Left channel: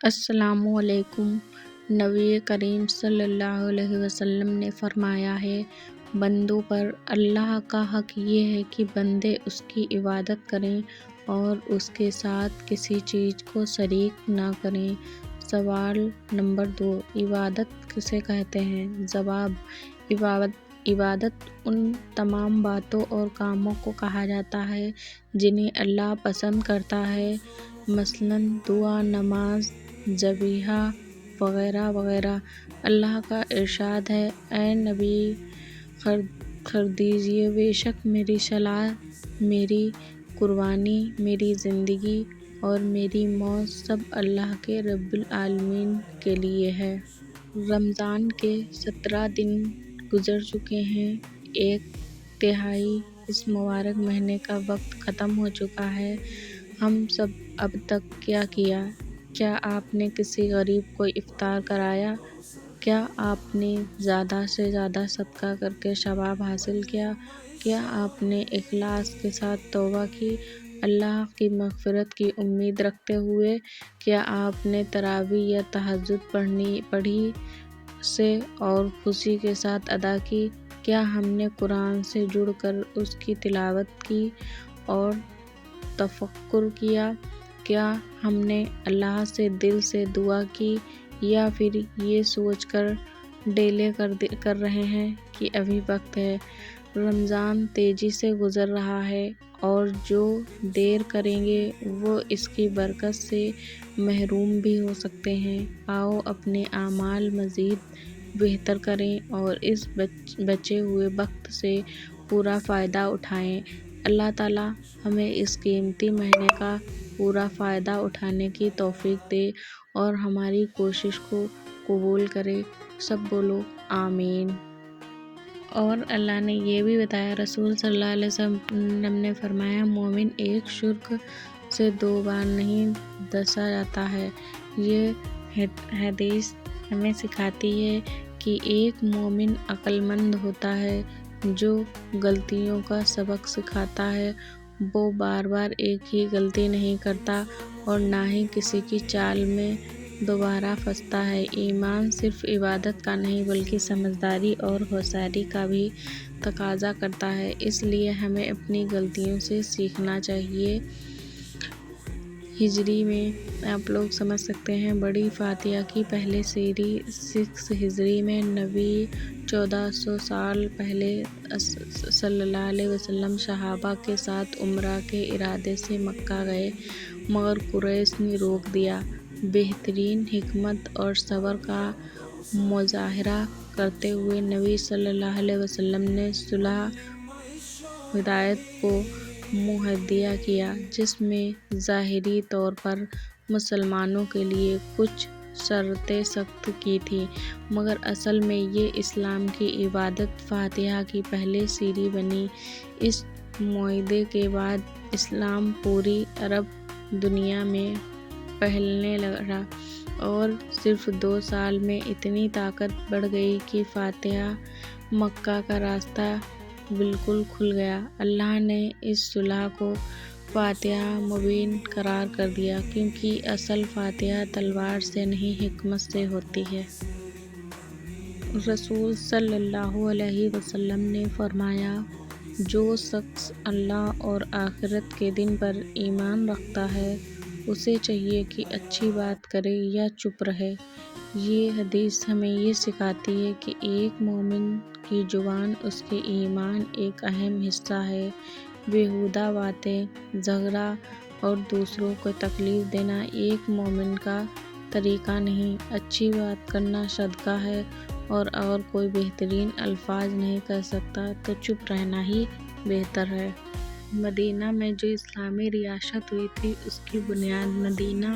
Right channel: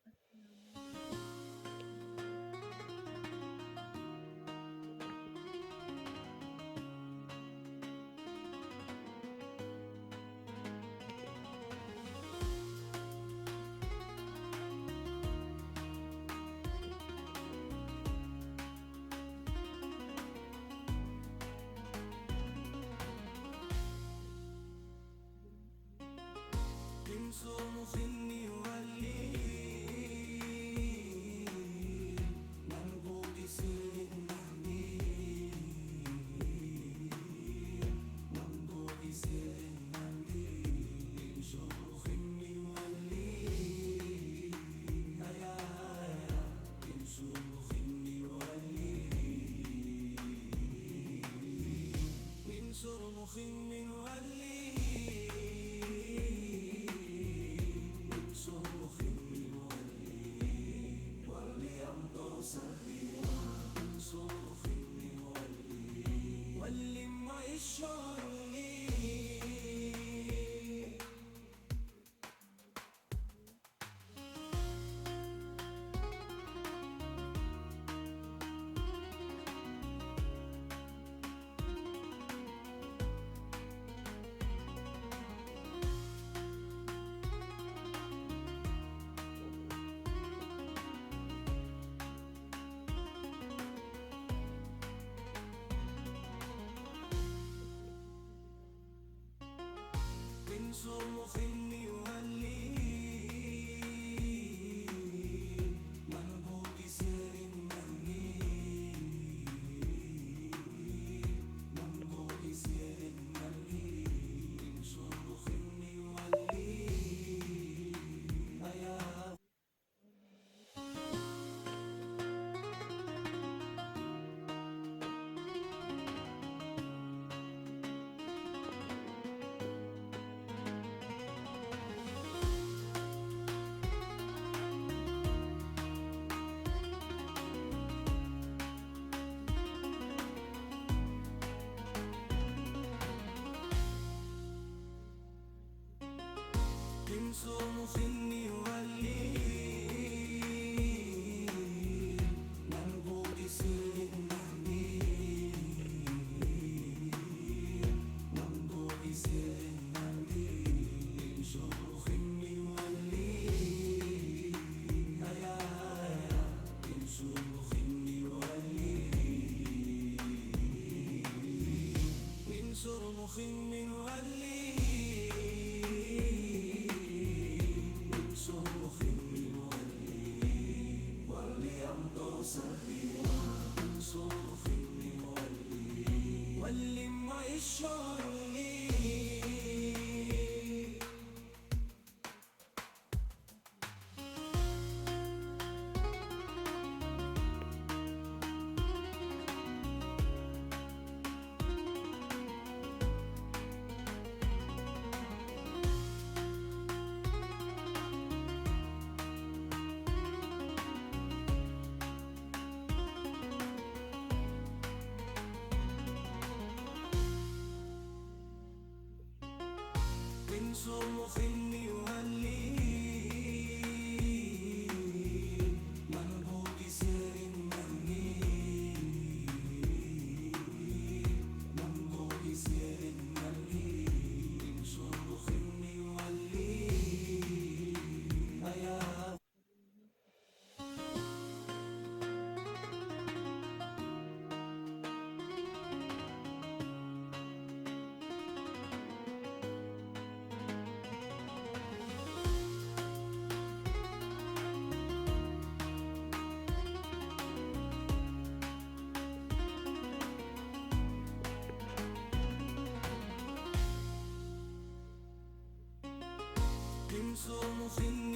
السلام علیکم۔ نبی کریم صلی اللہ علیہ وسلم نے فرمایا ہے، بندوں پر اللہ کا حق یہ ہے کہ بندے اس کی عبادت کریں اور اس کے ساتھ کسی چیز کو شریک نہ کریں۔ سوال نمبر 2، عبادت کسے کہتے ہیں؟ جواب، عبادت ان تمام باتوں اور کاموں کو کہا جاتا ہے جنہیں اللہ پسند کرتا ہے، مثلاً دعا، نماز، ذبیحہ وغیرہ وغیرہ۔ اللہ کا ارشاد ہے، اے نبی خبر دیجئے، بے شک میری صلاۃ، میری قربانی، میری زندگی اور میری موت سب اللہ کے رب العالمین کے لیے ہے۔ رمضان کے 17 دن گزر چکے ہیں، ایک تہائی اس مبارک مہینے کا وقت ختم ہو چکا ہے۔ ہم سب اب تک کیا کیا؟ کیا آپ نے کسی غریب کو افطار کرایا؟ کیا آپ نے زیادہ سے زیادہ صدقہ کر کے ثواب حاصل کیا؟ کیا آپ نے اخلاص کے ساتھ توبہ کی، اللہ کی مغفرت کی امید رکھتے ہوئے؟ کیا آپ نے تراویح یا تہجد پڑھی سے اور خوشی کے ساتھ ادا کی؟ کیا ہم نے قرآن سے جڑ کر اس کی تلاوت کی اور تفکر کیا؟ کیا ہم نے اللہ سے دل سے دعا کی یا پھر یہ سوچ کر ڈیلے کر رہے ہیں کہ ابھی وقت ہے؟ رمضان تیزی سے گزر رہا ہے اور جو دیر کریں گے وہ اس کی برکت سے محروم بھی ہو سکتے ہیں۔ آؤ اپنے اعمال مزید بہتر کریں اور اس بچے ہوئے وقت سے پورا فائدہ اٹھائیں۔ اللہ تعالیٰ ہمیں اس قیمتی مہینے کا پورا فائدہ اٹھانے کی توفیق دے اور ہماری کوشش کو قبول کرے۔ سب بولو آمین۔ اور اللہ نے یہ بھی بتایا، رسول صلی اللہ علیہ وسلم نے فرمایا، مومن ایک شرک سے 2 بار نہیں ڈسا جاتا ہے۔ یہ حدیث ہمیں سکھاتی ہے کہ ایک مومن عقل مند ہوتا ہے جو غلطیوں کا سبق سکھاتا ہے۔ وہ بار بار ایک ہی غلطی نہیں کرتا اور نہ ہی کسی کی چال میں دوبارہ پھنستا ہے۔ ایمان صرف عبادت کا نہیں بلکہ سمجھداری اور ہوشیاری کا بھی تقاضا کرتا ہے، اس لیے ہمیں اپنی غلطیوں سے سیکھنا چاہیے۔ ہجری میں آپ لوگ سمجھ سکتے ہیں، بڑی فاتحہ کی پہلی سری 6 ہجری میں نبی 1400 سال پہلے صلی اللہ علیہ وسلم صحابہ کے ساتھ عمرہ کے ارادے سے مکہ گئے، مگر قریش نے روک دیا۔ بہترین حکمت اور صبر کا مظاہرہ کرتے ہوئے نبی صلی اللہ علیہ وسلم نے صلح حدیبیہ کو معاہدہ کیا، جس میں ظاہری طور پر مسلمانوں کے لیے کچھ شرطیں سخت کی تھیں، مگر اصل میں یہ اسلام کی عبادت فاتحہ کی پہلی سیڑھی بنی۔ اس معاہدے کے بعد اسلام پوری عرب دنیا میں پھیلنے لگا اور صرف 2 سال میں اتنی طاقت بڑھ گئی کہ فاتح مکہ کا راستہ بالکل کھل گیا۔ اللہ نے اس صلح کو فتح مبین قرار کر دیا، کیونکہ اصل فتح تلوار سے نہیں حکمت سے ہوتی ہے۔ رسول صلی اللہ علیہ وسلم نے فرمایا، جو شخص اللہ اور آخرت کے دن پر ایمان رکھتا ہے، اسے چاہیے کہ اچھی بات کرے یا چپ رہے۔ یہ حدیث ہمیں یہ سکھاتی ہے کہ ایک مومن کی زبان اس کے ایمان ایک اہم حصہ ہے۔ بیہودہ باتیں، جھگڑا اور دوسروں کو تکلیف دینا ایک مومن کا طریقہ نہیں۔ اچھی بات کرنا صدقہ ہے اور اگر کوئی بہترین الفاظ نہیں کہہ سکتا تو چپ رہنا ہی بہتر ہے۔ مدینہ میں جو اسلامی ریاست ہوئی تھی، اس کی بنیاد مدینہ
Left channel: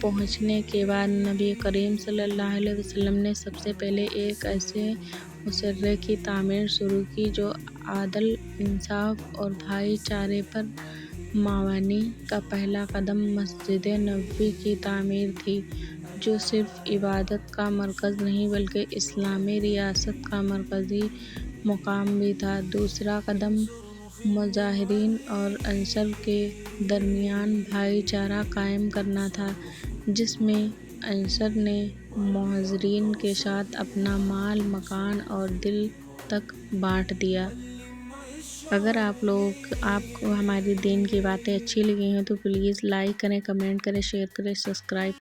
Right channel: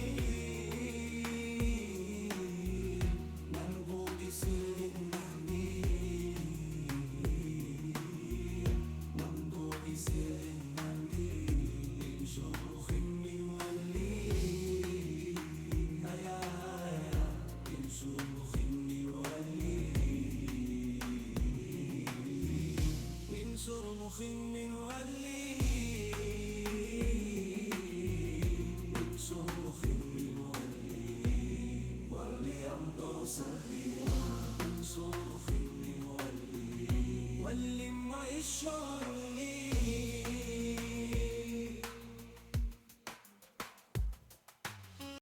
پہنچنے کے بعد نبی کریم صلی اللہ علیہ وسلم نے سب سے پہلے ایک ایسے معاشرے کی تعمیر شروع کی جو عدل، انصاف اور بھائی چارے پر مبنی۔ کا پہلا قدم مسجد نبوی کی تعمیر تھی، جو صرف عبادت کا مرکز نہیں بلکہ اسلامی ریاست کا مرکزی مقام بھی تھا۔ دوسرا قدم مہاجرین اور انصار کے درمیان بھائی چارہ قائم کرنا تھا۔ جس میں انصر نے معذرین کے ساتھ اپنا مال، مکان اور دل تک بانٹ دیا۔ اگر آپ کو ہماری دین کی باتیں اچھی لگی ہیں تو پلیز لائک کریں، کمنٹ کریں، شیئر کریں، سبسکرائب